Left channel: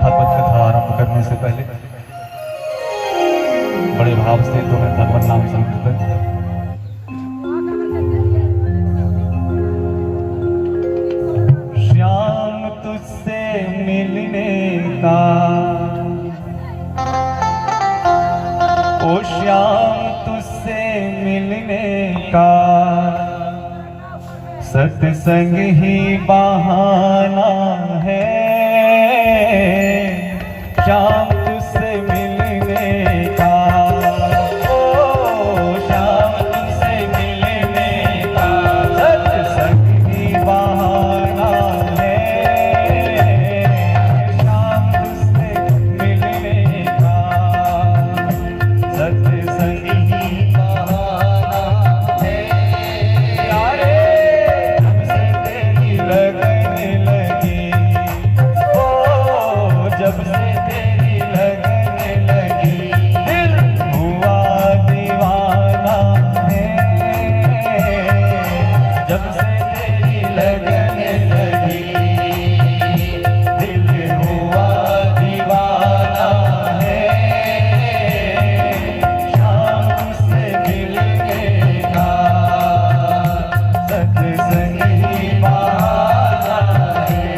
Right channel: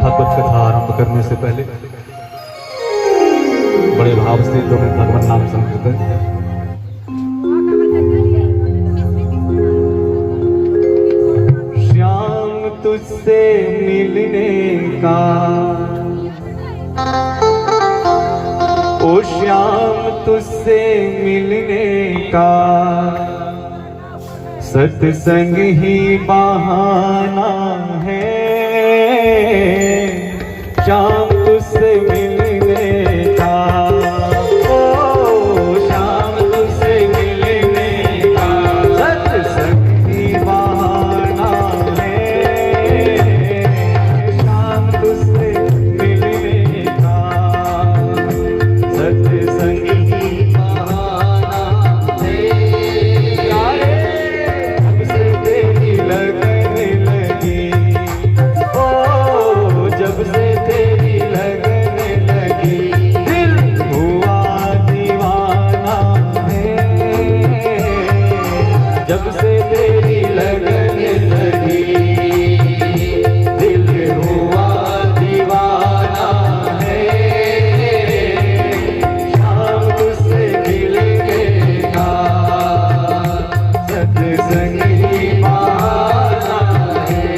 भागवत कथा आरंभ करने से पहले बड़े भाव से तुम्हें भगवान नाम संकीर्तन। श्याम तुझसे मिलने का, ओ श्याम तुझसे मिलने का सत्संग ही बहाना है। श्याम तुझसे मिलने का, ओ श्याम तुझसे मिलने का सत्संग ही बहाना है। श्याम तुझसे मिलने का सत्संग ही बहाना है। जब से तेरी लगने लगी दिल हुआ दीवाना है। जब से तेरी लगने लगी दिल हुआ दीवाना है। शाम तुझसे मिलने का सत्संग ही बहाना है।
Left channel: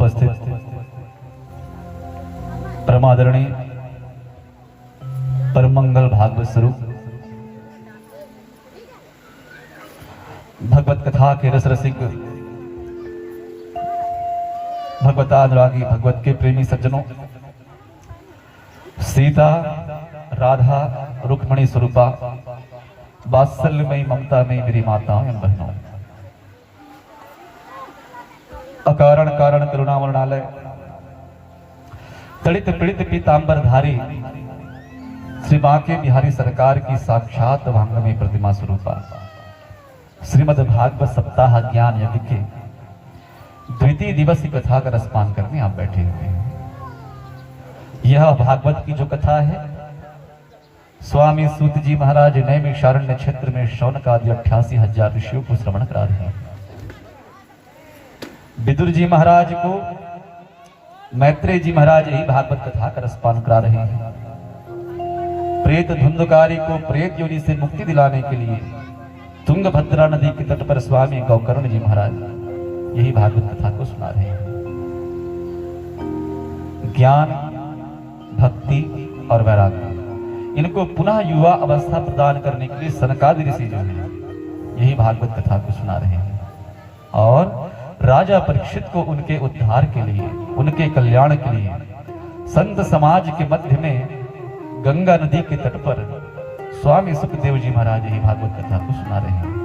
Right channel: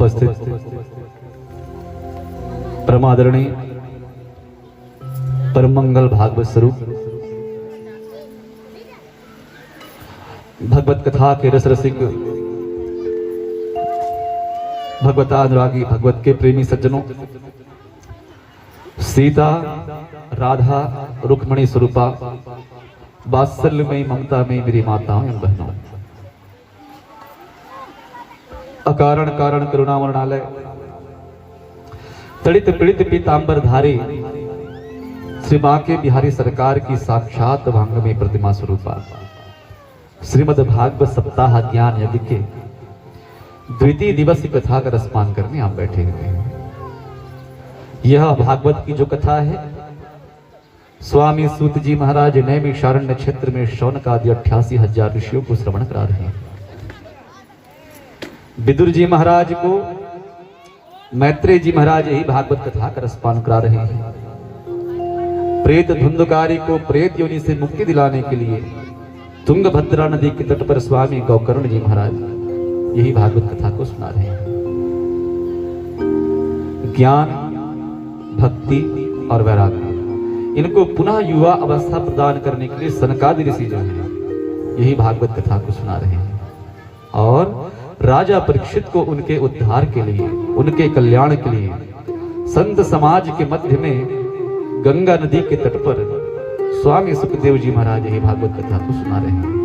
उपस्थित परमादरणीय परम मंगल भागवत स्वरूप भगवत कथा के रस रसिक भगवतानुरागी भगवत के प्रेमी सज्जनों, सीता राधा रुक्मणी स्वरूपा वात्सल्यमयी ममता में मेरी माताओं एवं बहनों, अकारण कारण करुणामरणालय तड़ित पीड़ित पीतांबरधारी श्री बांके बिहारी सरकार की साक्षात वांगमयी प्रतिमा स्वरूपा श्रीमद् भागवत सप्ताह ज्ञान यज्ञ के द्वितीय दिवस की कथा का रसपान करने आप बैठे हुए हैं। यह भागवत की जो कथा है, स्वामी सूत जी महाराज नैमिषारण्य क्षेत्र में शौनक आदि 88,000 ऋषियों को श्रवण करा रहे हैं। विदुर जी महाराज को मैत्रेय जी महाराज यही भागवत कथा का रसपान करा रहे हैं। प्रेत धुंधकारी को प्रेत योनि से मुक्ति दिलाने के लिए तुंगभद्रा नदी के तट पर स्वामी गौकर्ण जी महाराज यही भागवत कथा को सुना रहे हैं। ज्ञान, भक्ति और वैराग्य इनको पुनः युवा अवस्था प्रदान करने के लिए सनकादि ऋषि जो है यही भागवत कथा को सुना रहे हैं। और राजा परीक्षित को उनके उद्धार के लिए, उनके कल्याण के लिए संत समाज के मध्य में गंगा नदी के तट पर स्वामी सुखदेव जी महाराज यही भागवत कथा को सुना रहे हैं।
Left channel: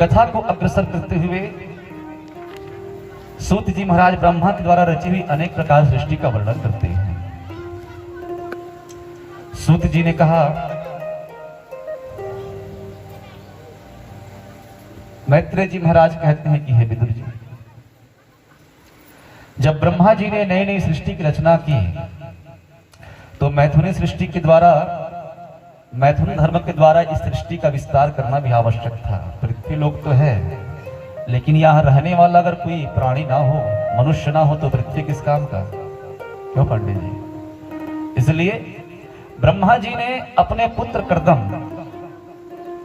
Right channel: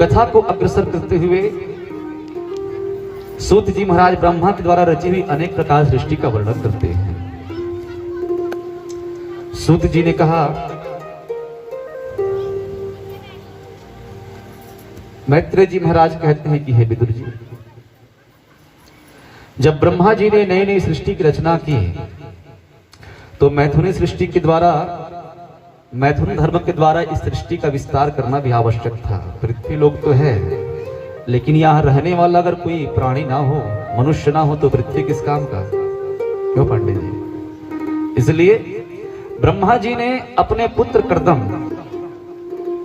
कथा को अग्रसर करते हुए सूत जी महाराज ब्रह्मा के द्वारा रची हुई अनेक प्रकार सृष्टि का वर्णन करते हैं। सूत जी ने कहा, मैत्रेय जी महाराज कहते हैं कि हे विदुर जी, जब ब्रह्मा जी ने नई नई सृष्टि की रचना की तो मैथुनी सृष्टि के द्वारा, मैथुन धर्म के द्वारा इस सृष्टि का विस्तार करना भी आवश्यक था। पृथ्वी लोक तो है, लेकिन यहां रहने वाला अगर कोई प्राणी ना हो, मनुष्य ना हो, तो पृथ्वी किस काम का? क्यों पांडे जी? इसलिए ब्रह्मा जी ने अपने पुत्र कर्दम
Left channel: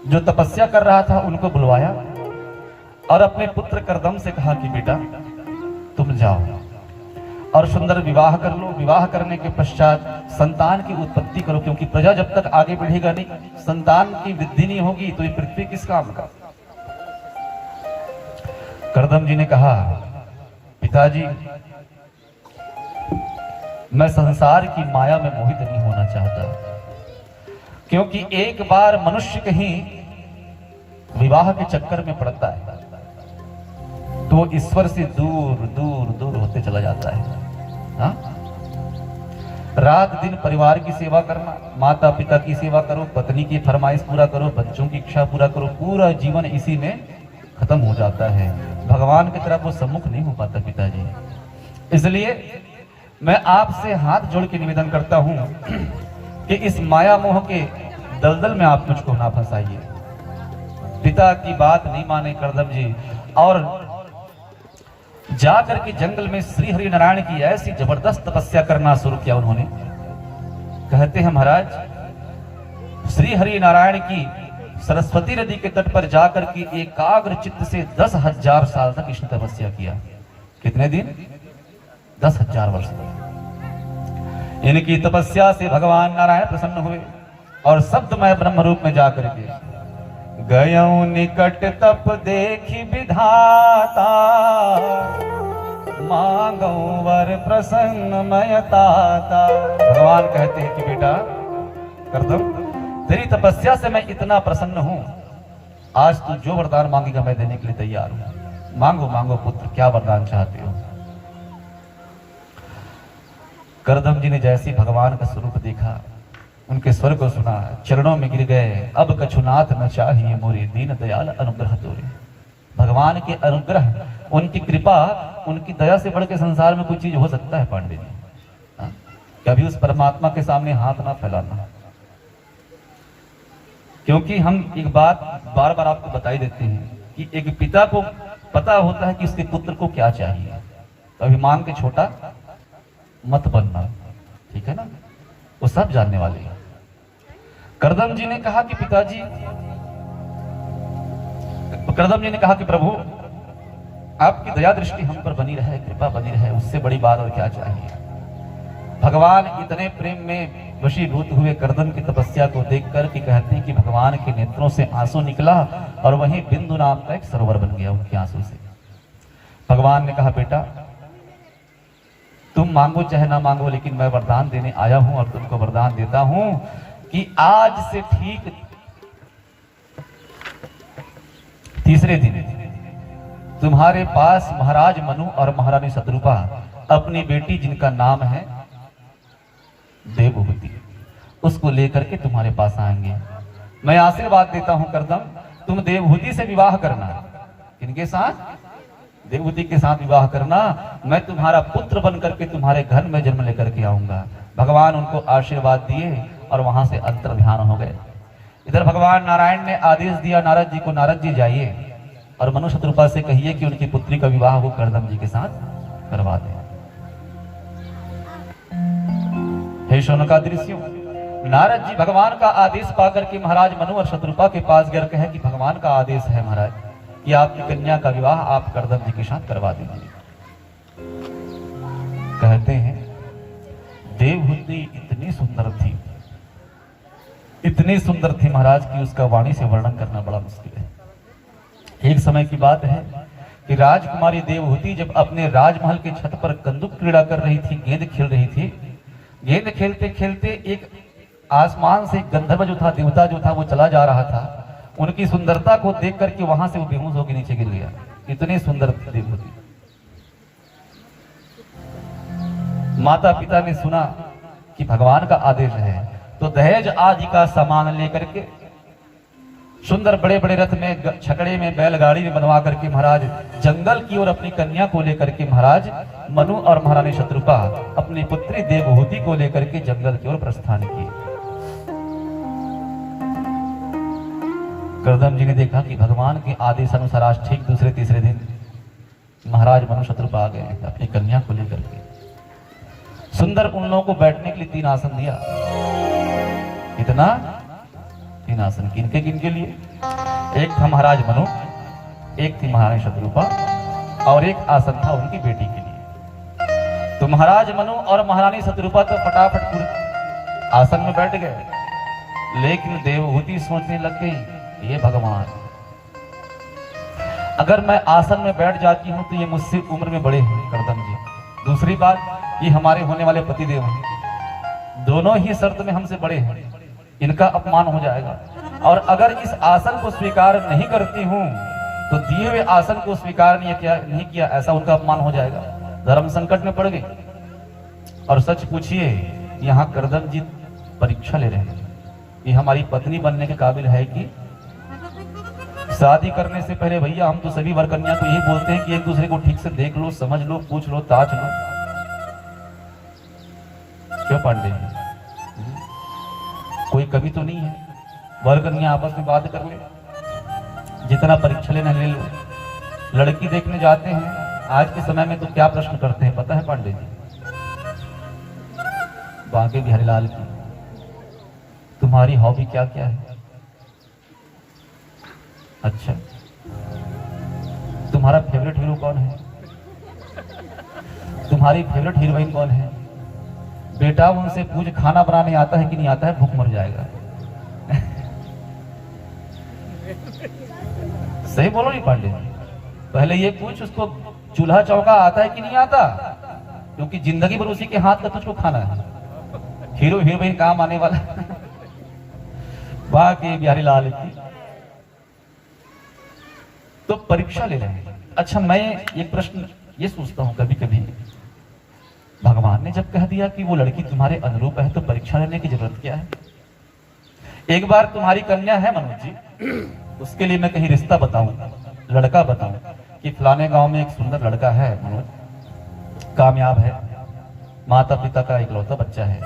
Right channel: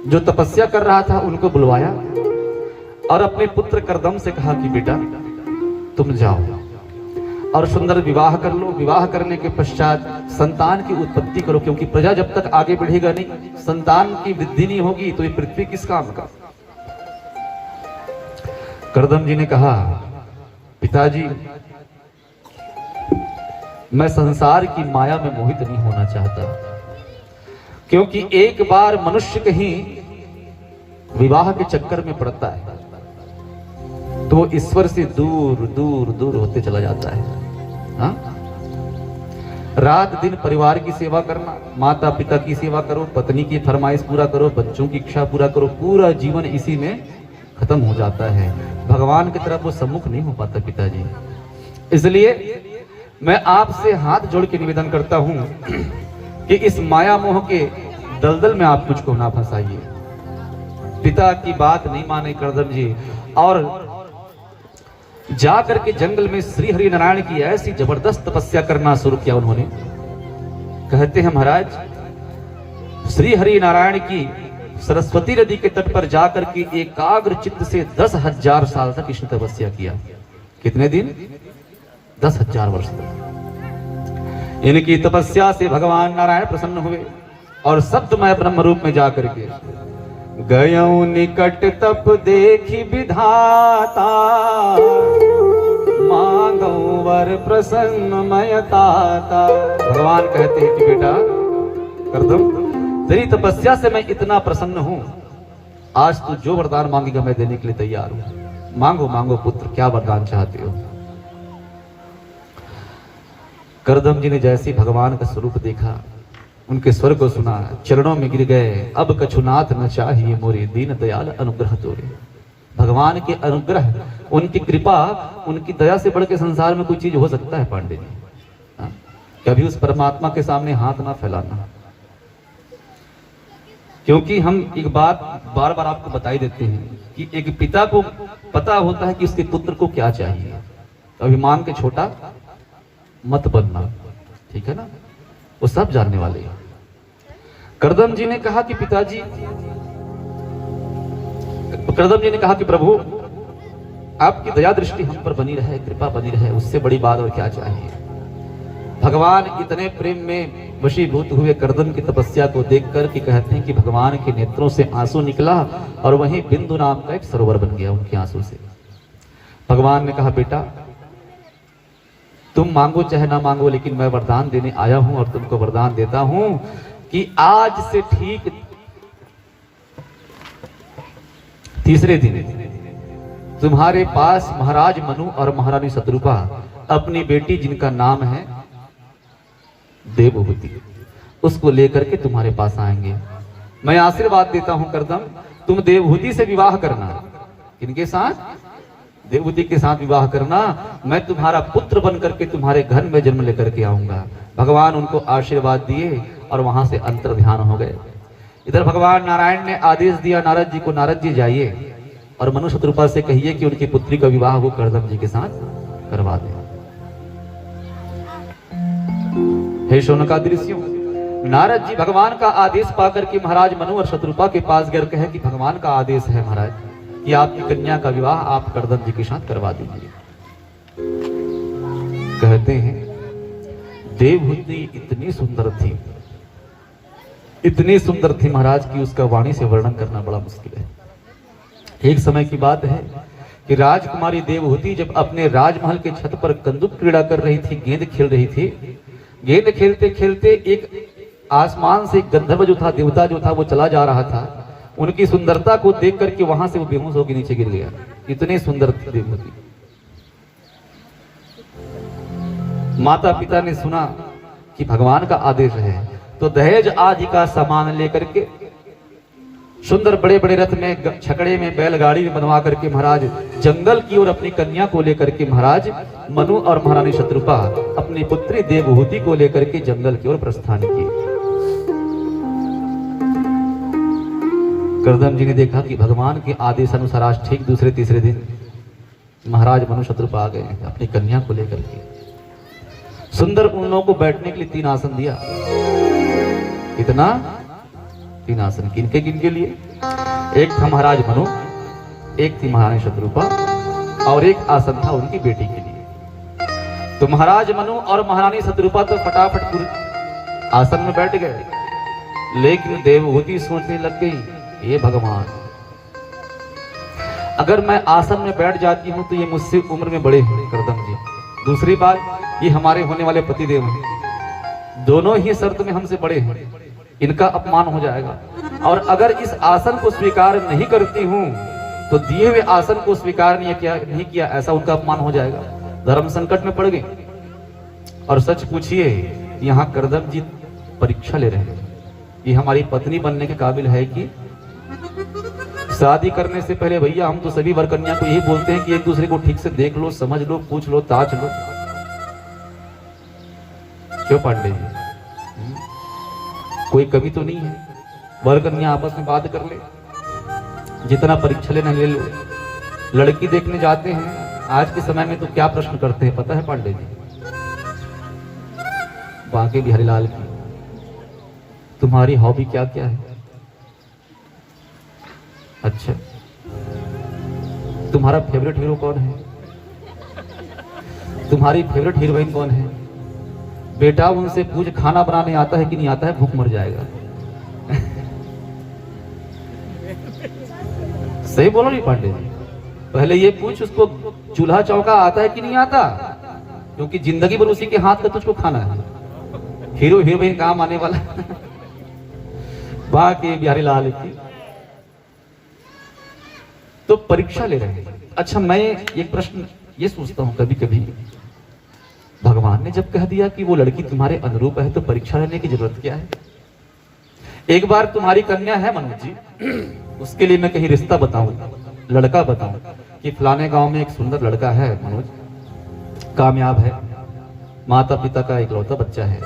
जो तपस्या कर रहा था उनको बुलवाया और अपने पुत्र कर्दम से कहा कि बेटा तुम जाओ और सुंदर विवाह कर लो। विवाह करने के पश्चात संतान की उत्पत्ति करो, क्योंकि प्रजा जब तक आगे बढ़ेगा नहीं, संतान की वृद्धि नहीं होगी तो ये पृथ्वी किस काम का? कर्दम जी ने कहा, पिताजी मैं संसार की माया में मोहित नहीं होना चाहता, क्योंकि एक बार मनुष्य कहीं विवाह के चक्कर में पड़ता है तो वो ईश्वर से दूर दूर दूर होते चला जाता है। हाँ? रात दिन परिवार की सेवा करना, माता पिता की सेवा करो, पत्नी की फरमाइश पूरा करो, बच्चों की इच्छा पूरा करो, पूरा जीवन इसी में खत्म हो जाता है। भगवान की तरफ वो सम्मुख नहीं हो पाता पिताजी। इसलिए मैं आपसे हाथ जोड़ के निवेदन करता हूं कि इस माया मोह के दलदल में आप मुझको ना फंसाइए। पिता की बात नहीं माने कर्दम जी और जाकर के जंगल में श्री हरि नारायण की ऐसी जबरदस्त तपस्या करना शुरू किया उन्होंने। कहते हैं महाराज, श्री हरि नारायण की सरस्वती नदी के तट पर जाकर के एकाग्र चित्त से 10,000 साल तक इसने तपस्या किया। कितने दिन? 10,000 वर्ष तक। इनकी तपस्या से भगवान नारायण प्रसन्न हुए और शब्दमय ब्रह्म रूप में जाकर के गयऊ निकट तप देखी विधाता, मांगऊ वर प्रसन्न मयताता। भगवान कहते हैं कि बेटा कर्दम, तेरी तपस्या से मैं इतना प्रसन्न हूं, आज तू जो वरदान मांगेगा मैं देने के लिए तैयार हूं। मांगो मांगो पुत्र, क्या वरदान चाहते हो? कर्दम जी ने जैसे भगवान का स्वरूप देखा, उनके स्वर को सुना, चरणों में गिर गए। अब कछुनाथ न चाहिए मोरे, दीन दयाल अनुग्रह तोरे। भगवान के अनुग्रह, उनकी कृपा, उनकी दया से बढ़ के संसार में कोई चीज हो सकता है पांडे जी? कभी उस परमात्मा के सामने हाथ ना फैलाना, क्योंकि हम एक बात बार बार आपको बताई देते हैं कि एक पिता को पता होता है कि उसके पुत्र को क्या चाहिए। कभी मांग के छोटा मत बनना, ठीक है ना? वो सब जानने वाले हैं। कर्दम जी ने कहा कि पिताजी, कर्दम जी ने कहा कि प्रभु आपकी दया दृष्टि हम पर बनी रहे, कृपा बनी रहे, उससे बड़ी बात और क्या चाहिए। भगवान इतने प्रेम में वशीभूत हुए कर्दम की तपस्या को देखकर कि कहते हैं कि भगवान के नेत्रों से आंसू निकला और वहीं बिंदु नाम का एक सरोवर बन गया उनके आंसू से। भगवान ने कहा, बेटा तुम मांगो चाहे ना मांगो, लेकिन मैं वरदान देने आया हूं और तुमको वरदान देता हूं कि आज से ठीक तीसरे दिन तुम्हारे पास महाराज मनु और महारानी शत्रुपा अपनी बेटी जिनका नाम है देवहूति, उसको लेकर के तुम्हारे पास आएंगे। मैं आशीर्वाद देता हूं कर्दम, तुम देवहूति से विवाह करना। किनके साथ? देवहूति के साथ विवाह करना। मैं तुम्हारा पुत्र बन करके तुम्हारे घर में जन्म लेकर के आऊंगा। भगवान उनको आशीर्वाद दिए और वहां से अंतर ध्यान हो गए। इधर भगवान नारायण ने आदेश दिया नारद जी को, नारद जी जाइए और मनु शत्रुपा से कहिए कि उनकी पुत्री का विवाह वो कर्दम जी के साथ करवा दे। हे शौनकादिऋषियों, नारद जी भगवान का आदेश पाकर के महाराज मनु और शत्रुपा के पास गए, कहे कि भगवान का आदेश है महाराज कि आपकी कन्या का विवाह आप कर्दम जी के साथ करवा दीजिए। कहते हैं देवहूति इतनी सुंदर थी, इतनी सुंदर थी महाराज की उसका वाणी से वर्णन करना बड़ा मुश्किल है। एक समय की बात है कि राजकुमारी देवहूति जब अपने राजमहल के छत पर कंदुक क्रीड़ा कर रही थी, गेंद खेल रही थी, गेंद खेलते खेलते एक आसमान से गंधर्व जो था, देवता जो था, वो चला जा रहा था। उनकी सुंदरता को देख करके वहां से वो बेहोश होकर नीचे गिर गया। इतनी सुंदर थी देवहूति। माता पिता ने सुना कि भगवान का आदेश है तो दहेज आदि का सामान लेकर के सुंदर बड़े बड़े रथ में, छकड़े में, बैलगाड़ी में बनवा करके महाराज जंगल की ओर अपनी कन्या को लेकर के महाराज मनु और महारानी शत्रुपा अपनी पुत्री देवहूति को लेकर के जंगल की ओर प्रस्थान किए। कर्दम जी ने देखा कि भगवान के आदेश अनुसार आज ठीक दूसरे तीसरे दिन महाराज मनु शत्रुपा आ गए अपनी कन्या को लेकर के। सुंदर उन लोगों को बैठने के लिए 3 आसन दिया। इतना 3 आसन किनके किनके लिए? एक था महाराज मनु, एक थी महारानी शत्रुपा और एक आसन था उनकी बेटी के लिए। तो महाराज मनु और महारानी शत्रुपा तो फटाफट आसन में बैठ गए, लेकिन देवहूति सोचने लग गई, ये भगवान अगर मैं आसन में बैठ जाती हूं तो ये मुझसे उम्र में बड़े हैं कर्दम जी। दूसरी बात, ये हमारे होने वाले पतिदेव हैं, दोनों ही शर्त में हमसे बड़े हैं, इनका अपमान हो जाएगा। और अगर इस आसन को स्वीकार नहीं करती हूं तो दिए हुए आसन को स्वीकार नहीं किया ऐसा उनका अपमान हो जाएगा। धर्म संकट में पड़ गए। और सच पूछिए, यहाँ कर्दम जी परीक्षा ले रहे हैं, ये हमारी पत्नी बनने के काबिल है कि? शादी करने से पहले भैया हम तो सभी वर कन्या को यही बोलते हैं कि एक दूसरे को ठीक से देख लो, समझ लो, पूछ लो, ताज लो। क्यों पांडे जी, कोई कमी तो नहीं है? वर कन्या आपस में बात कर ले, जितना परीक्षा लेना ले लो। लड़की देखने जाते हैं आज के समय में तो क्या प्रश्न करते हैं पता है पांडे जी? बांके बिहारी लाल की तुम्हारी हॉबी क्या क्या है? अच्छा, तुम्हारा फेवरेट हीरो कौन है? तुम्हारी फेवरेट हीरोइन कौन है? बेटा उनसे पूछ खाना बनाने आता है कि नहीं आता है, भूख मर जाएगा। सही बोलो नहीं पांडे जी? पहले ये पूछ उसको चूल्हा चौका आता है कि नहीं आता, क्योंकि जिंदगी भर उसी के हाथ का तुझको खाना है। हीरो हीरोइन काम आने वाला। बाकी बिहारी लाल की तो परीक्षा ले रहे हैं। अच्छा, मैं एक प्रश्न ये सोचता हूं कभी कभी, भगवान ने जब कह दिया कि वो लड़की तुम्हारे अनुरूप है तो परीक्षा लेने की जरूरत क्या है? एक बार तुम्हारी कन्या है मनोज जी, उसके लिए मैं कहीं रिश्ता बताऊं, लड़का बताऊं कि फलाने गांव में एक सुंदर लड़का है मनोज, कामयाब है, माता पिता का इकलौता बच्चा है,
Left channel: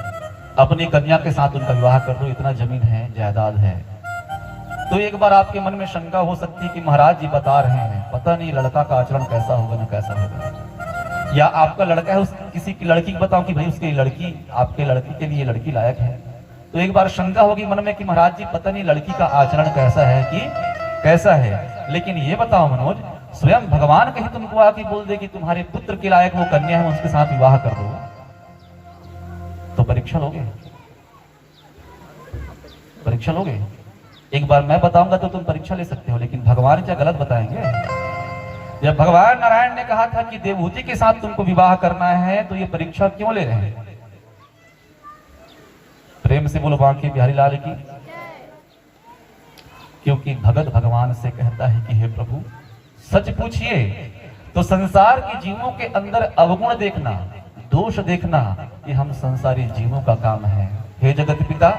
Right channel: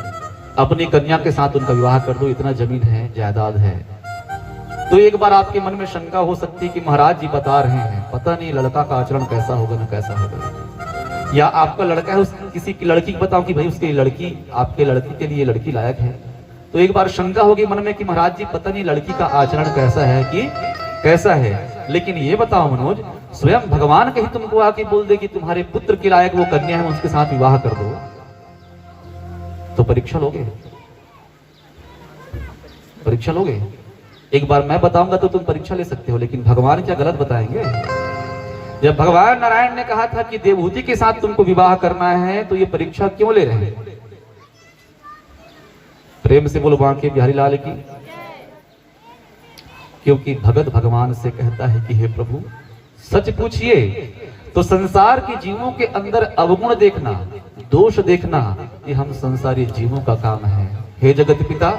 अपनी कन्या के साथ उनका विवाह कर दो, इतना जमीन है, जायदाद है। तो एक बार आपके मन में शंका हो सकती है कि महाराज जी बता रहे हैं, पता नहीं लड़का का आचरण कैसा होगा ना कैसा होगा, या आपका लड़का है उस किसी की लड़की को बताओ कि भाई उसकी लड़की आपके लड़की के लिए लड़की लायक है। तो एक बार शंका होगी मन में कि महाराज जी पता नहीं लड़की का आचरण कैसा है कि कैसा है। लेकिन ये बताओ मनोज, स्वयं भगवान कहीं तुमको आके बोल दे कि तुम्हारे पुत्र के लायक वो कन्या है, उसके साथ विवाह कर दो, तो परीक्षा लोगे? परीक्षा लोगे? एक बार मैं बताऊंगा तो तुम परीक्षा ले सकते हो, लेकिन भगवान क्या गलत बताएंगे? जब भगवान नारायण ने कहा था कि देवहूति के साथ तुमको विवाह करना है, तो ये परीक्षा क्यों ले रहे हैं? प्रेम से बोलो बांके बिहारी लाल की। क्योंकि भगत भगवान से कहता है कि हे प्रभु, सच पूछिए तो संसार के जीवों के अंदर अवगुण देखना, दोष देखना, ये हम संसारी जीवों का काम है। हे जगत पिता,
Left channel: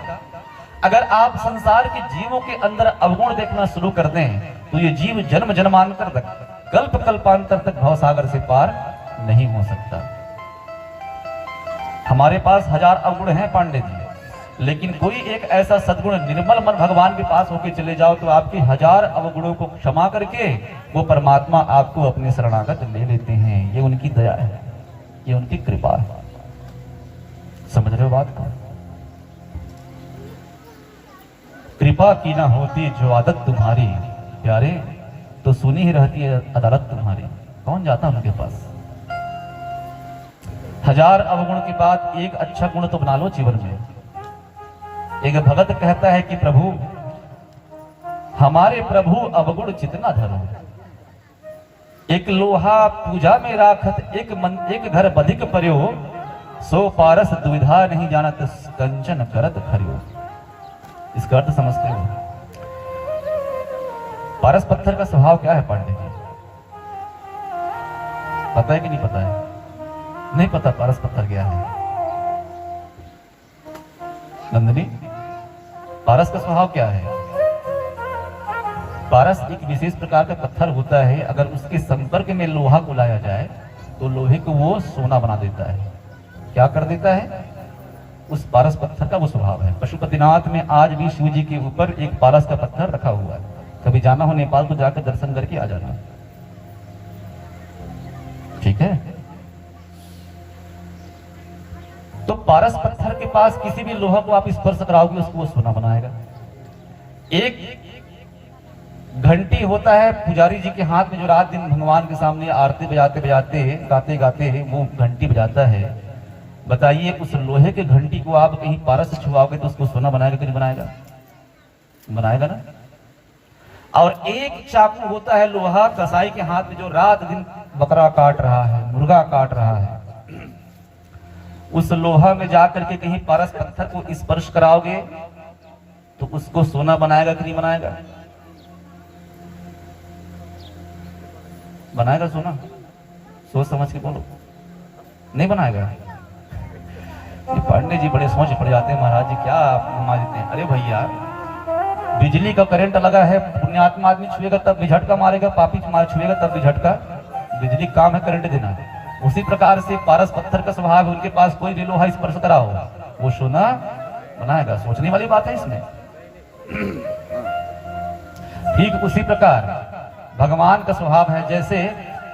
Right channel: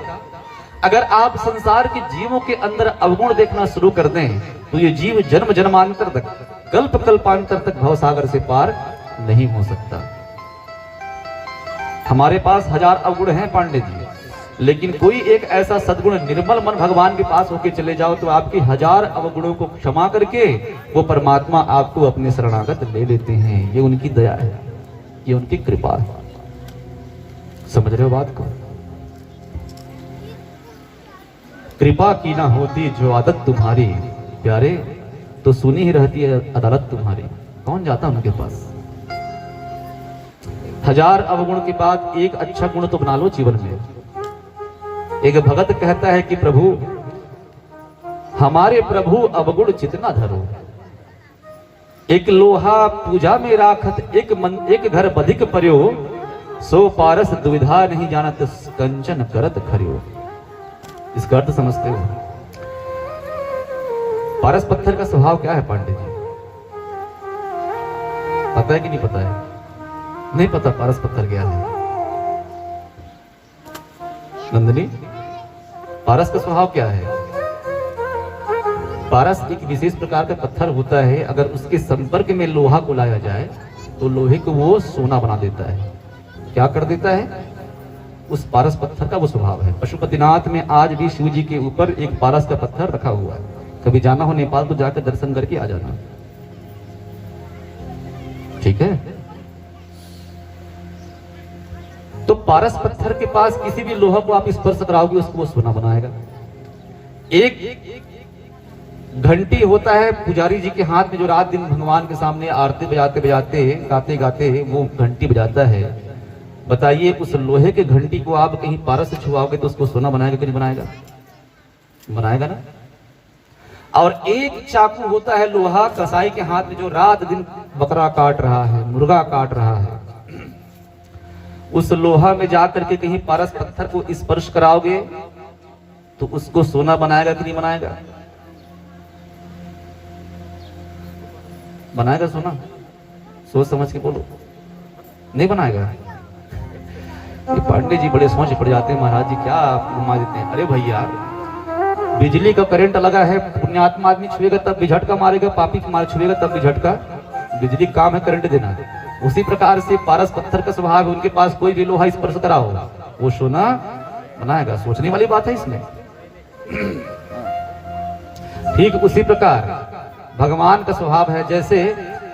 अगर आप संसार के जीवों के अंदर अवगुण देखना शुरू कर दें, तो ये जीव जन्म जन्मांतर तक, कल्प कल्पांतर तक भवसागर से पार नहीं हो सकता। हमारे पास 1000 अवगुण हैं पांडे जी, लेकिन कोई एक ऐसा सद्गुण निर्मल मन भगवान के पास होके चले जाओ तो आपकी 1000 अवगुणों को क्षमा करके वो परमात्मा आपको अपने शरणागत ले लेते हैं। ये उनकी दया है, ये उनकी कृपा है। समझ रहे हो बात को? कृपा की ना होती जो आदत तुम्हारी प्यारे, तो सुनी ही रहती है अदालत तुम्हारी। कौन जाता उनके पास? 1000 अवगुण के बाद एक अच्छा गुण तो बना लो जीवन में। एक भगत कहता है कि प्रभु, हमारे प्रभु अवगुण जितना धरो, एक लोहा पूजा में राखत, एक घर बधिक पर्यो, सो पारस दुविधा नहीं जानत, कंचन करत खरियो। इसका अर्थ समझते हो? पारस पत्थर का स्वभाव क्या है पांडे जी? पता है कि नहीं पता है? नहीं पता पारस पत्थर क्या है? नंदनी, पारस का स्वभाव क्या है? पारस एक विशेष प्रकार का पत्थर होता है, अगर उसके संपर्क में लोहा को लाया जाए तो लोहे को वो सोना बना देता है। क्या कर देता है? उस पारस पत्थर का वो स्वभाव है। पशुपतिनाथ में आज भी शिव जी के ऊपर एक पारस का पत्थर रखा हुआ है। कभी जाना हो नेपाल तो जाकर दर्शन करके आ जाना, ठीक है? तो पारस पत्थर के पास किसी भी लोहा को आप स्पर्श कराओगे, उसको वो सोना बनाएगा। एक घंटी होता है पुजारी जी के हाथ में, जो रात दिन भगवान के सामने आरती बजाते बजाते, गाते गाते वो घंटी बजाता है। बताइए, उस लोहे के घंटी को आप कहीं पारस से छुआओगे तो उसको सोना बनाएगा कि नहीं बनाएगा? बनाएगा ना। और एक चाकू होता है लोहा कसाई के हाथ में, जो रात दिन बकरा काट रहा है, मुर्गा काट रहा है। उस लोहा में जाकर के कहीं पारस पत्थर को स्पर्श कराओगे तो उसको सोना बनाएगा कि नहीं बनाएगा? बनाएगा सोना? सोच समझ के बोलो। नहीं बनाएगा? ये पांडे जी बड़े सोच पड़ जाते हैं, महाराज जी क्या आप घुमा देते हैं। अरे भैया, बिजली का करंट लगा है, पुण्यात्मा आदमी छुएगा तब भी झटका मारेगा, पापी छुएगा तब भी झटका। बिजली काम है करंट देना। उसी प्रकार से पारस पत्थर का स्वभाव है, उनके पास कोई भी लोहा स्पर्श कराओ वो सोना बनाएगा। सोचने वाली बात है इसमें। ठीक उसी प्रकार भगवान का स्वभाव है। जैसे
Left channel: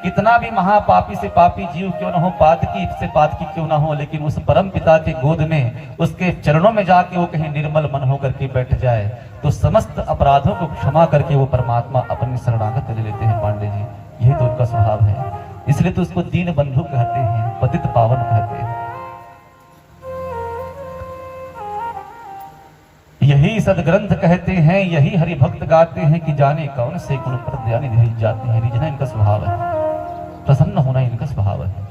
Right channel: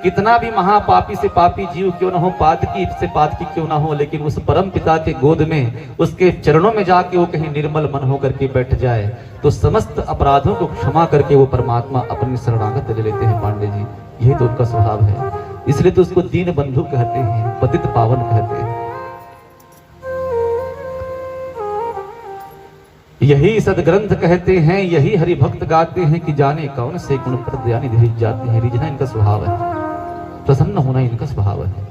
कितना भी महापापी से पापी जीव क्यों न हो, पातकी से पातकी क्यों ना हो, लेकिन उस परम पिता के गोद में, उसके चरणों में जाके वो कहीं निर्मल मन होकर के बैठ जाए तो समस्त अपराधों को क्षमा करके वो परमात्मा अपनी शरणागत ले लेते हैं। पांडे जी, यही तो उनका स्वभाव है। इसलिए तो उसको दीन बंधु कहते हैं, पतित पावन कहते हैं। यही सदग्रंथ कहते हैं, यही हरि भक्त गाते हैं कि जाने कौन से गुण पर ध्यान रिझ जाते हैं। रिझना इनका स्वभाव है, प्रसन्न होना इनका स्वभाव है।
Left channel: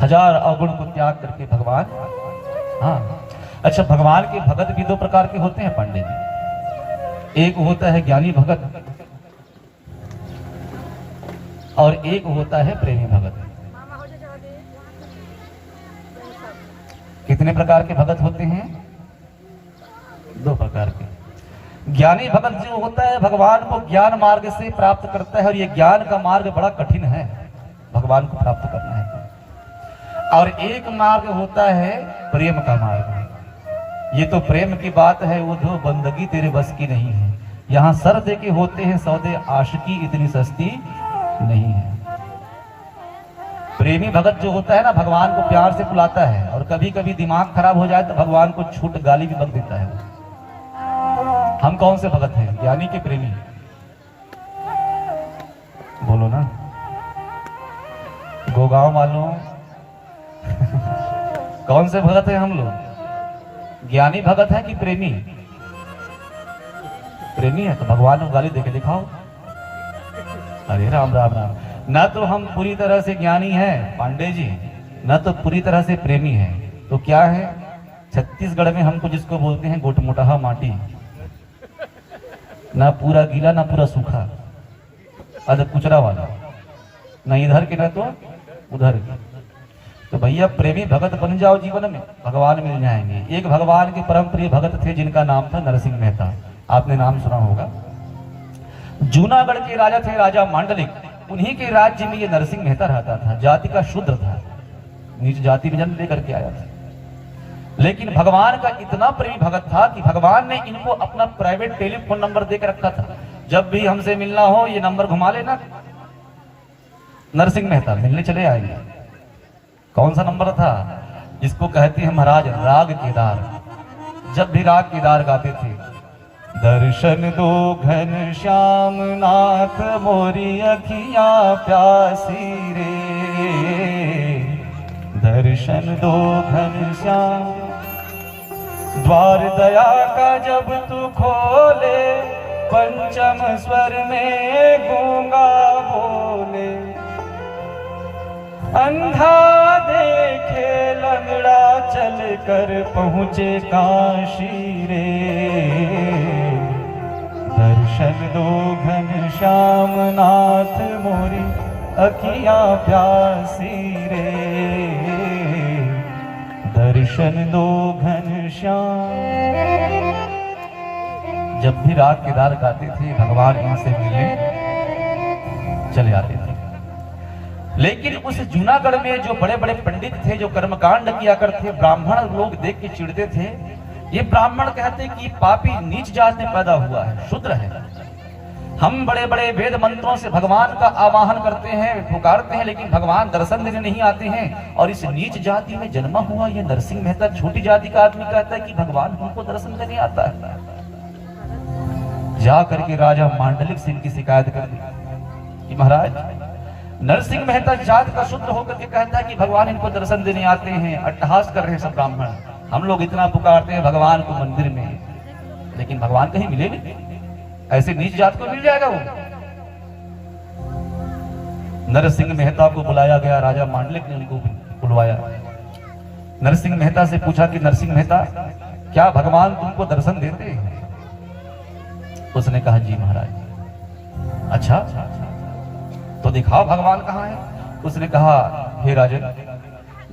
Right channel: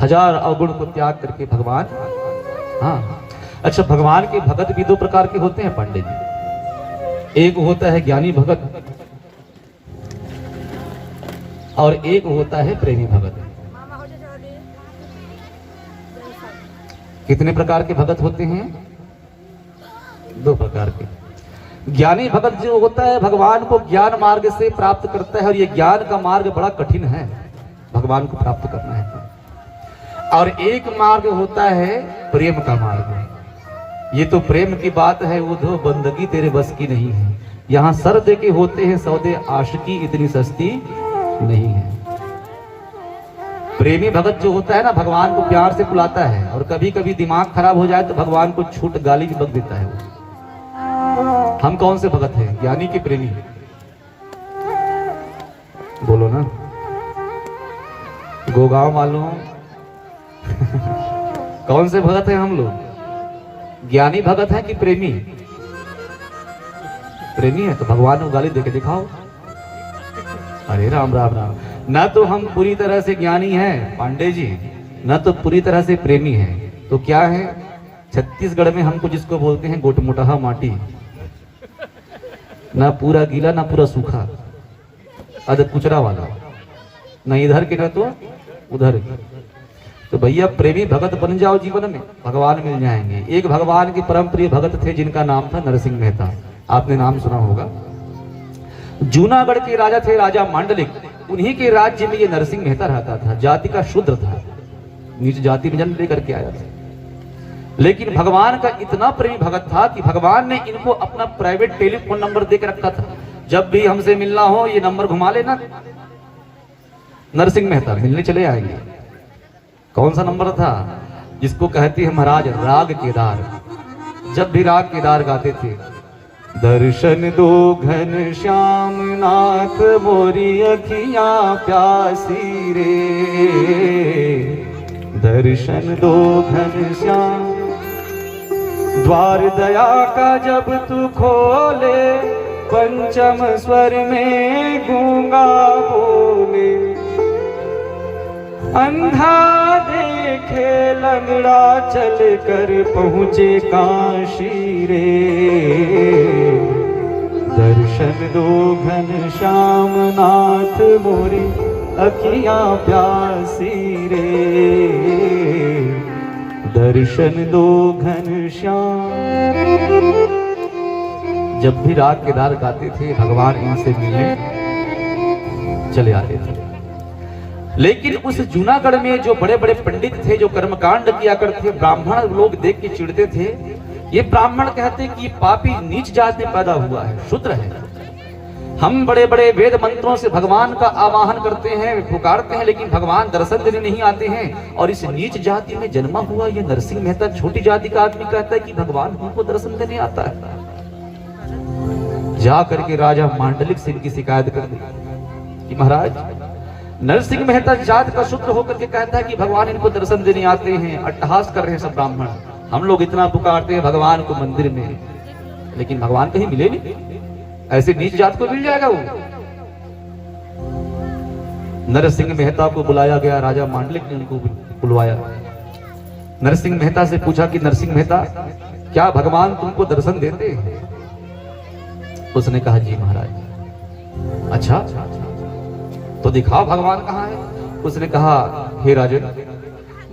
1000 अवगुण को त्याग करके भगवान, हाँ अच्छा, भगवान के भगत भी 2 प्रकार के होते हैं पांडे जी। एक होता है ज्ञानी भगत और एक होता है प्रेमी भगत। कितने प्रकार के भगत होते हैं? 2 प्रकार के। ज्ञानी भगत जो होता है भगवान को ज्ञान मार्ग से प्राप्त करता है, और ये ज्ञान का मार्ग बड़ा कठिन है भगवान को प्राप्त करना है। और एक मार्ग होता है प्रेम का मार्ग। ये तो प्रेम की बात है, वो तो बंदगी तेरे बस की नहीं है। यहाँ सर दे के होते हैं सौदे, आशिकी इतनी सस्ती नहीं है। प्रेमी भगत जो होता है ना, भगवान को प्यार से बुलाता है, और कभी कभी दिमाग खराब हो जाए तो भगवान को छूट गाली भी बक देता है। हम कौन से भगत हैं, ज्ञानी के प्रेमी? बोलो ना गोगांव वालों। कौन से भगत हैं हम लोग? ज्ञानी भगत है कि प्रेमी? प्रेमी है तो भगवान को गाली देके दिखाओ। अरे राम राम राम। ना तो हम पूरी तरह से ज्ञानी हैं पांडे जी, ना तो पूरी तरह से प्रेमी हैं। तो क्या है? छत्तीसगढ़ में हमको जिसको बोलते हैं गोटमोटाहा माटी, ना पूरा गीला ना पूरा सूखा, अध कुचरा वाला, ना इधर के ना तो उधर के। तो भैया प्रेमी भगत बन जाओ, जीवन में भगवान मिल जाएंगे। एक भगवान के परम प्रिय भगत थे जिनका नाम था नरसिंह मेहता, आपने नाम सुना होगा। जूनागढ़ के राजा थे राजा मांडलिक, उन्हीं के राज्य में ये नरसिंह मेहता रहता था। जाति का शूद्र था, नीच जाति में जन्म लेकर के आया था, लेकिन भगवान का इतना प्रेमी भगत था कि भगवान ने इनको अपना प्राइवेट टेलीफोन नंबर देकर रखा था। जब भी हमसे मिलना हो ये नंबर घुमा लेना, नरसिंह मेहता मिलने चले आएंगे। कौन सा नंबर था? जिसको कहते हैं महाराज राग केदार। जब भी राग केदार गाते थे, दर्शन दो घन श्याम नाथ मोरी अखियां प्यासी रे, दर्शन दो घन श्याम, द्वार दया का जब तू खोले, पंचम स्वर में गूंगा बोले, अंधा देखे लंगड़ा चल कर पहुंचे काशी रे, दर्शन दो घन श्याम नाथ मोरी अखियां प्यासी रे, दर्शन दो घन श्याम। जब भी राग केदार गाते थे भगवान इनसे मिलने चले आते थे। लेकिन उस जूनागढ़ में जो बड़े बड़े पंडित थे, जो कर्मकांड किया करते, ब्राह्मण लोग देख के चिढ़ते थे। ये ब्राह्मण कहते कि पापी नीच जात में पैदा हुआ है, शूद्र है। हम बड़े बड़े वेद मंत्रों से भगवान का आवाहन करते हैं, पुकारते हैं, लेकिन भगवान दर्शन देने नहीं आते हैं। और इस नीच जाति में जन्मा हुआ ये नरसिंह मेहता छोटी जाति का आदमी कहता है कि भगवान हमको दर्शन देने आता है। जा करके राजा मांडलिक से इनकी शिकायत कर दी कि महाराज नरसिंह मेहता जात का शूद्र होकर के कहता है कि भगवान इनको दर्शन देने आते हैं। अट्टहास कर रहे हैं सब ब्राह्मण। हम लोग इतना पुकारते हैं भगवान को मंदिर में, लेकिन भगवान कहीं मिले नहीं। ऐसे नीच जात को मिल जाएगा वो? नरसिंह मेहता को बुलाया गया, राजा मांडलिक ने उनको बुलवाया। नरसिंह मेहता से पूछा कि नरसिंह मेहता, क्या भगवान तुमको दर्शन देते हैं? उसने कहा जी महाराज। अच्छा तो दिखाओ भगवान कहाँ है? उसने कहा हे राजन,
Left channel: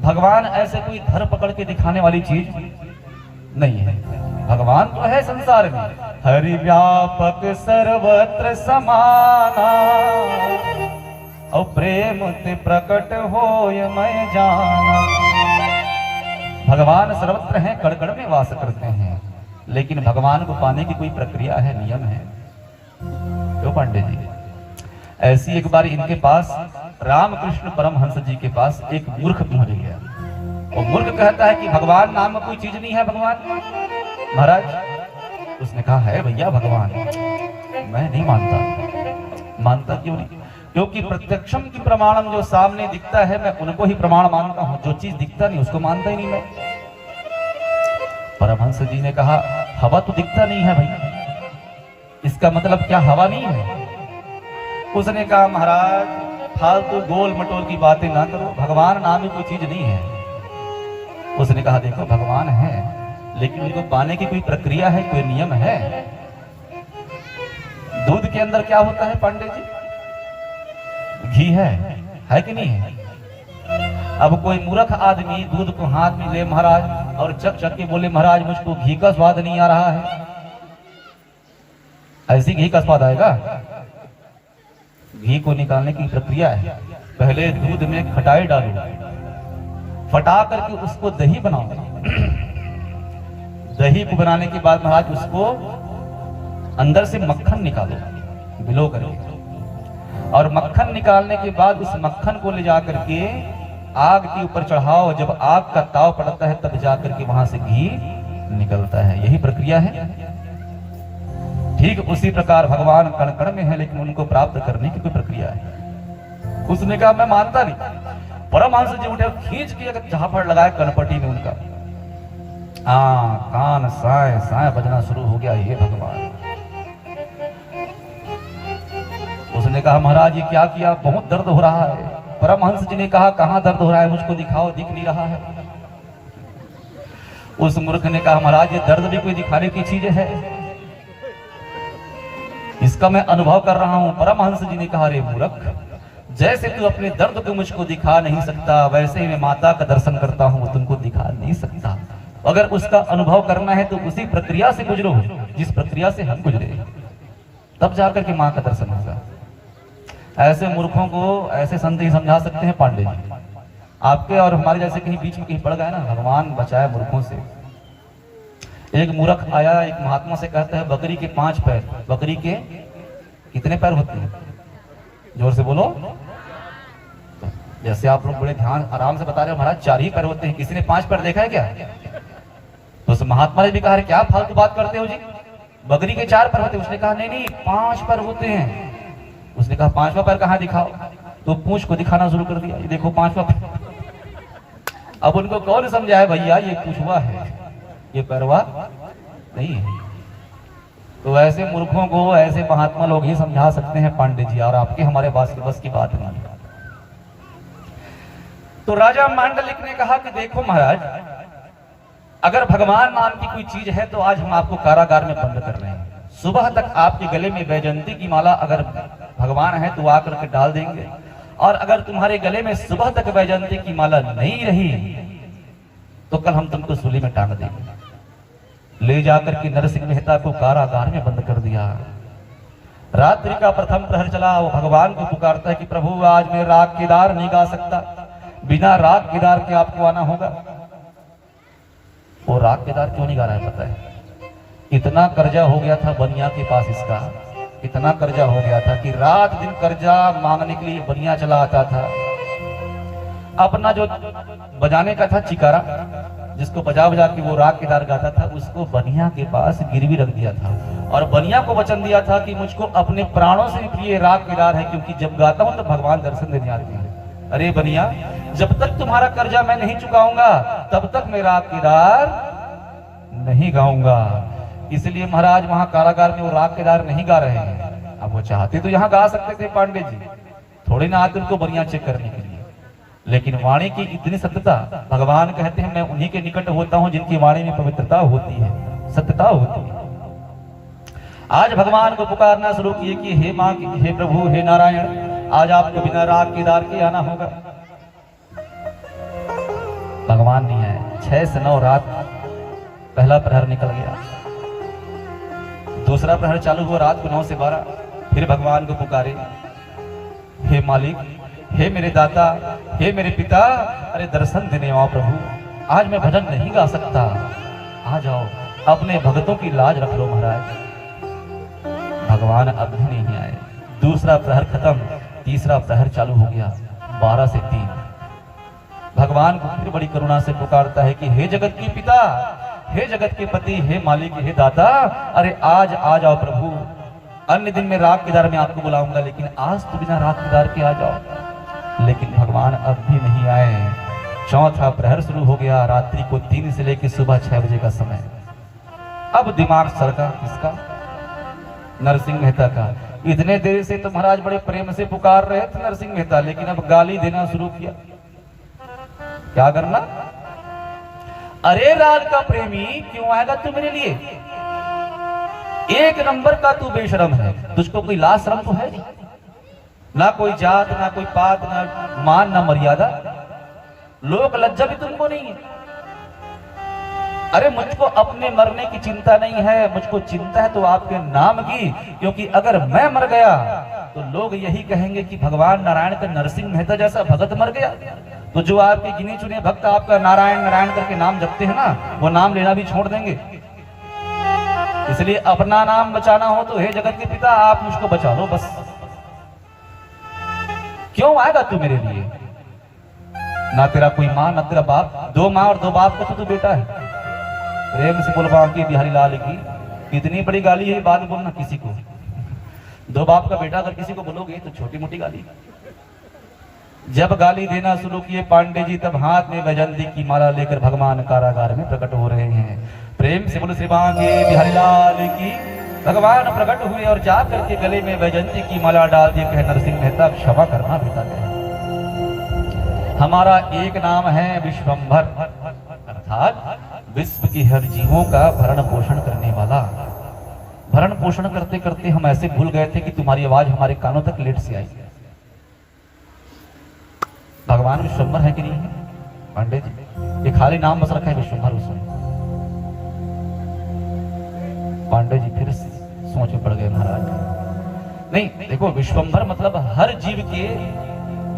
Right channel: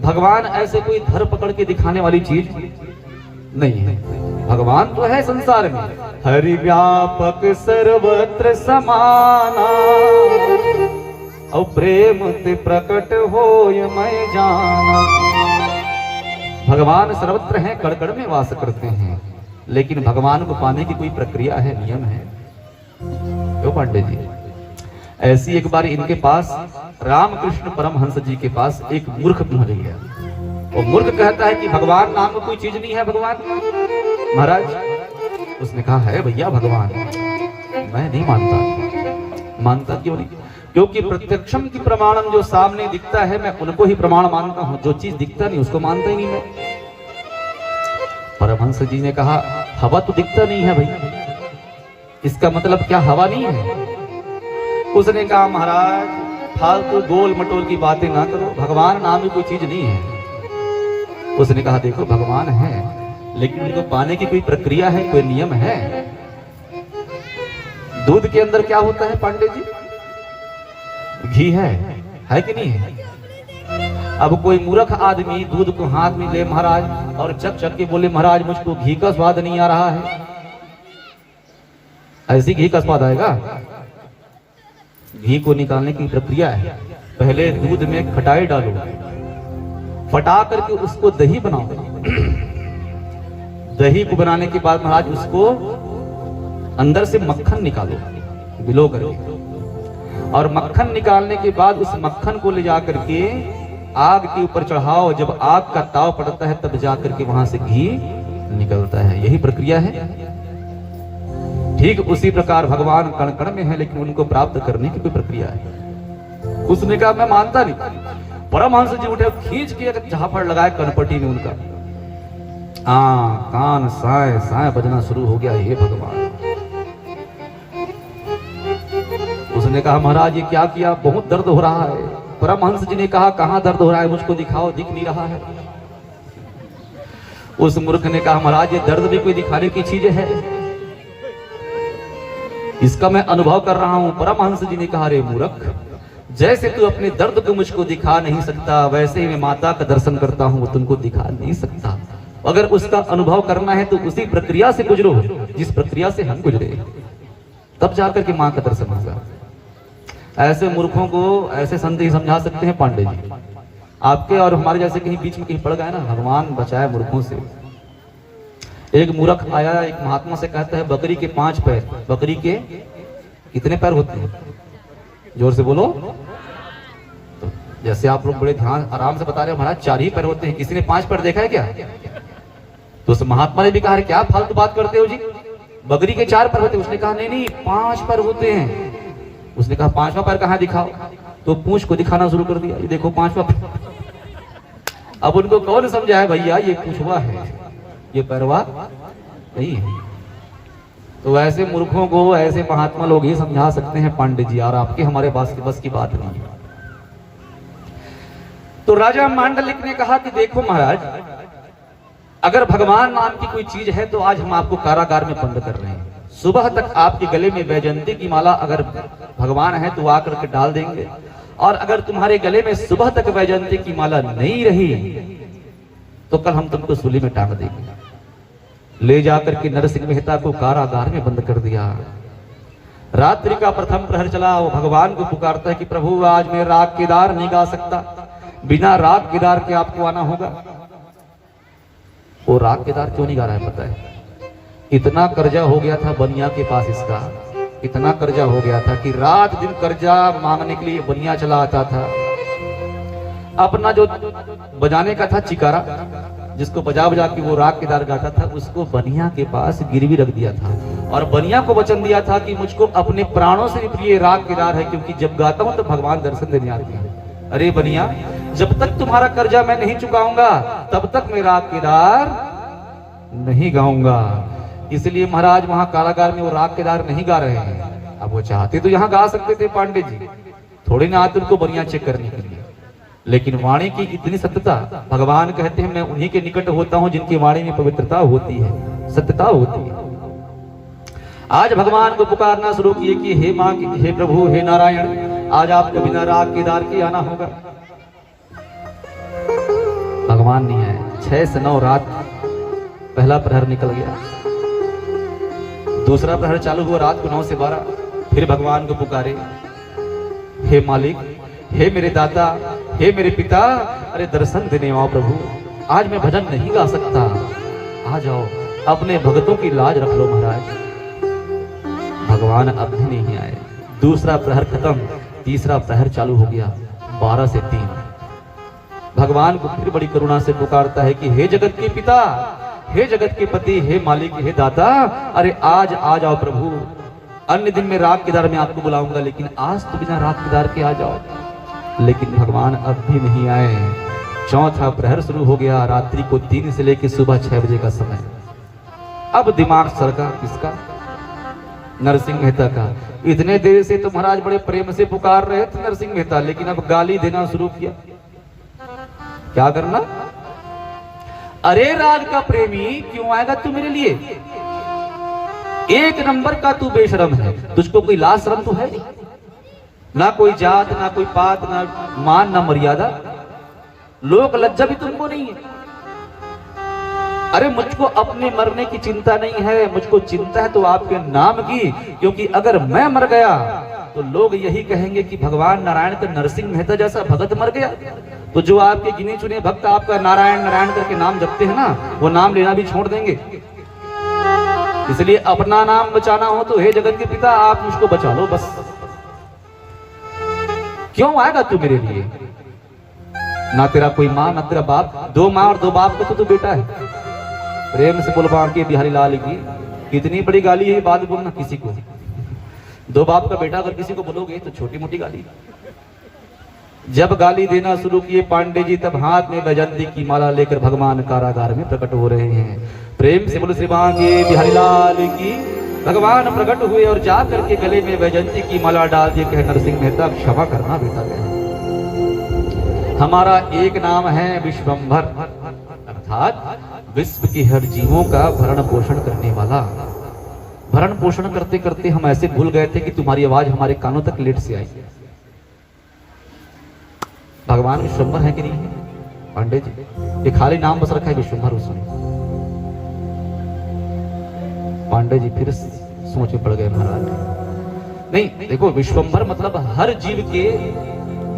भगवान ऐसे कोई धर पकड़ के दिखाने वाली चीज नहीं है। भगवान तो है संसार में, हरि व्यापक सर्वत्र समाना, और प्रेम ते प्रकट होय मैं जाना। भगवान सर्वत्र हैं, कण कण में वास करते हैं, लेकिन भगवान को पाने की कोई प्रक्रिया है, नियम है। क्यों पांडे जी? ऐसी एक बार इनके पास रामकृष्ण परमहंस जी के पास एक मूर्ख पहुंच गया। और मूर्ख कहता है कि भगवान नाम कोई चीज नहीं है। भगवान महाराज, उसने कहा है भैया भगवान, मैं नहीं मानता। मानता क्यों नहीं? क्योंकि प्रत्यक्षम की प्रमाणम, जो सामने दिखता है मैं उनको ही प्रमाण मानता हूं, जो चीज दिखता नहीं उसको मानता ही नहीं मैं। परमहंस जी ने कहा हवा तो दिखता नहीं है भाई, इसका मतलब क्या हवा नहीं है? उसने कहा महाराज फालतू गोल मटोल की बातें ना करो, भगवान नाम में कोई चीज नहीं है। उसने कहा देखो भगवान है, लेकिन उनको पाने की कोई प्रक्रिया है, कोई नियम है। दूध के अंदर क्या होता है पांडे जी? घी है कि नहीं है? अब कोई मूर्ख आदमी दूध को हाथ में ले महाराज और चक चक के बोले महाराज मुझको घी का स्वाद नहीं आ रहा है, ऐसी घी का स्वाद आएगा? घी को निकालने की प्रक्रिया है। पहले दूध में खटाई डालो, फटा करके उसको दही बनाओ। दही को बनाने के बाद महाराज उसको अंदर से मक्खन निकालो, बिलो करके, और मक्खन निकालने के बाद उस मक्खन को ले जा करके आग के ऊपर चढ़ाओ। जब आग का ताव पड़ता है तब जा करके वहां से घी निकलता है। यही प्रक्रिया है। ठीक उसी प्रकार भगवान कण कण में है, लेकिन उनको प्राप्त करने की कोई प्रक्रिया है। उसने कहा मैं मानता नहीं। परमहंस जी उठे, खींच के झापड़ लगाए कनपटी में उनका, कान साए साए बजना शुरू हो गया। ये भगवान, उसने कहा महाराज ये क्या किया, बहुत दर्द हो रहा है। परमहंस जी ने कहा कहां दर्द हो रहा है, मुझको दिखाओ, दिख नहीं रहा है। उस मूर्ख ने कहा महाराज ये दर्द भी कोई दिखाने की चीज है, इसका मैं अनुभव कर रहा हूं। परमहंस जी ने कहा रे मूर्ख, जैसे तू अपने दर्द को मुझको दिखा नहीं सकता, वैसे ही मैं माता का दर्शन करता हूं, तुमको दिखा नहीं सकता। अगर उसका अनुभव करना है तो उसी प्रक्रिया से गुजरो जिस प्रक्रिया से हम गुजरे, तब जाकर के मां का दर्शन होगा। ऐसे मूर्खों को ऐसे संत ही समझा सकते हैं पांडे जी। आपके और हमारे जैसे कहीं बीच में कहीं पड़ गए ना, भगवान बचाए मूर्खों से। एक मूर्ख आया एक महात्मा से कहता है बकरी के 5 पैर, बकरी के कितने पैर होते हैं, जोर से बोलो। जैसे आप लोग बड़े ध्यान आराम से बता रहे हो महाराज 4 ही पैर होते हैं, किसी ने 5 पैर देखा है क्या? तो उस महात्मा ने भी कहा क्या फालतू बात करते हो जी, बकरी के 4 पैर होते हैं। उसने कहा नहीं नहीं 5 पैर होते हैं। उसने कहा 5वां पैर कहां दिखाओ, तो पूंछ को दिखाना शुरू कर दिया, ये देखो 5वां पैर। अब उनको कौन समझाए भैया ये पूंछवा है, ये पैरवा नहीं है। तो ऐसे मूर्खों को ऐसे महात्मा लोग ही समझा सकते हैं पांडे जी, और आपके हमारे बस की बात नहीं है। तो राजा मांडलिक ने कहा कि देखो महाराज, अगर भगवान नाम की कोई चीज है तो आज हम आपको कारागार में बंद कर रहे हैं। सुबह तक आपके गले में वैजयंती की माला अगर भगवान है तो आकर के डाल देंगे, और अगर तुम्हारे गले में सुबह तक वैजयंती की माला नहीं रही तो कल हम तुमको सूली में टांग देंगे। ले जाकर के नरसिंह मेहता को कारागार में बंद कर दिया। रात्रि का प्रथम प्रहर चला, वो भगवान को पुकारता है कि प्रभु आज मैं राग केदार नहीं गा सकता, बिना राग केदार के आपको आना होगा। वो राग केदार क्यों नहीं गा रहा है पता है? इतना कर्जा हो गया था बनिया के पास, इसका इतना कर्जा हो गया था कि रात दिन कर्जा मांगने के लिए बनिया चला आता था। अपना जो बजाने का था चिकारा, जिसको बजा बजा के वो राग केदार गाता था, उसको बनिया के पास गिरवी रख दिया था, और बनिया को वचन दिया था कि मुझको अपने प्राणों से भी प्रिय राग केदार है, क्योंकि जब गाता हूं तो भगवान दर्शन देने आते हैं। अरे बनिया, जब तक तुम्हारा कर्जा मैं नहीं चुकाऊंगा तब तक मैं राग केदार नहीं गाऊंगा। इसलिए महाराज वहां कारागार में वो राग केदार नहीं गा रहे हैं। अब वो चाहते तो यहाँ गा सकते थे पांडे जी, थोड़ी ना आते उनको बनिया चेक करने के लिए, लेकिन वाणी की इतनी सत्यता, भगवान कहते हैं मैं उन्हीं के निकट होता हूं जिनकी वाणी में पवित्रता होती है, सत्यता होती है। आज भगवान को पुकारना शुरू किए कि हे मां, हे प्रभु, हे नारायण, आज आपको बिना राग केदार के आना होगा। भगवान नहीं आए। 6 से 9 रात पहला प्रहर निकल गया, दूसरा प्रहर चालू हुआ रात को 9 से 12। फिर भगवान को पुकारे, हे मालिक, हे मेरे दाता, हे मेरे पिता, अरे दर्शन देने आओ प्रभु, आज मैं भजन नहीं गा सकता, आ जाओ, अपने भक्तों की लाज रख लो महाराज। भगवान अब भी नहीं आए। दूसरा प्रहर खत्म, तीसरा प्रहर चालू हो गया 12 से 3। भगवान को फिर बड़ी करुणा से पुकारता है कि हे जगत के पिता, हे जगत के पति, हे मालिक, हे दाता, अरे आज आ जाओ प्रभु। अन्य दिन में राग केदार में आपको बुलाऊंगा, लेकिन आज तो बिना राग केदार के आ जाओ। लेकिन भगवान अब भी नहीं आए। चौथा प्रहर शुरू हो गया, रात्रि को 3 से लेकर सुबह 6 बजे का समय। अब दिमाग सड़का किसका? नरसिंह मेहता का। इतने देर से तो महाराज बड़े प्रेम से पुकार रहे थे नरसिंह मेहता, लेकिन अब गाली देना शुरू किया। क्या करना? अरे राज का प्रेमी, क्यों आएगा तू मेरे लिए? 1 नंबर का तू बेशरम है, तुझको कोई लाज शर्म तो है नहीं, ना कोई जात, ना कोई पात, ना मान, ना मर्यादा, लोक लज्जा भी तुमको नहीं है। अरे मुझको अपने मरने की चिंता नहीं है, मुझको चिंता है तो आपके नाम की, क्योंकि अगर मैं मर गया तो लोग यही कहेंगे कि भगवान नारायण का नरसिंह मेहता जैसा भगत मर गया। तो जो आपके गिने चुने भक्त आपका नारायण नारायण करके नाम जपते हैं ना, वो नाम लेना भी छोड़ देंगे। इसलिए अपना नाम बचाना हो तो हे जगत के पिता, आप मुझको बचा लो बस। क्यों आएगा तू मेरे लिए? ना तेरा कोई माँ, ना तेरा बाप, 2 माँ और 2 बाप का तो तू बेटा है। प्रेम से बोल बांके बिहारी लाल की कितनी बड़ी गाली है ये बात बोलना किसी को। दो बाप का बेटा अगर किसी को बोलोगे तो छोटी मोटी गाली। जब गाली देना शुरू किए पांडे जी तब हाथ में वैजयंती की माला लेकर भगवान कारागार में प्रकट हो रहे हैं। प्रेम से बोलो श्री बांके बिहारी लाल की। भगवान प्रकट हुए और जा करके गले में वैजयंती की माला डाल दिए, कहे नरसिंह मेहता क्षमा करना बेटा। हमारा एक नाम है विश्वंभर, अर्थात विश्व के हर जीवों का भरण पोषण करने वाला। भरण पोषण करते करते हम ऐसे भूल गए थे कि तुम्हारी आवाज हमारे कानों तक लेट से आई। भगवान विश्वंभर है कि नहीं है पांडे जी? ये खाली नाम बस रखा है विश्वंभर उसने। पांडे जी फिर सोच में पड़ गए महाराज। नहीं देखो, विश्वंभर मतलब हर जीव के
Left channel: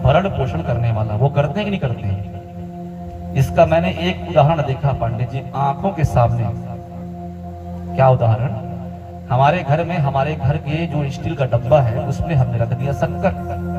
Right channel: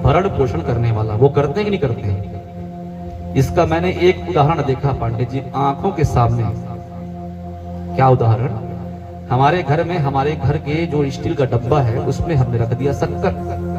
भरण पोषण करने वाला। वो करते हैं कि नहीं करते हैं? इसका मैंने एक उदाहरण देखा पांडे जी आंखों के सामने। क्या उदाहरण? हमारे घर में, हमारे घर के जो स्टील का डब्बा है उसमें हमने रख दिया शक्कर।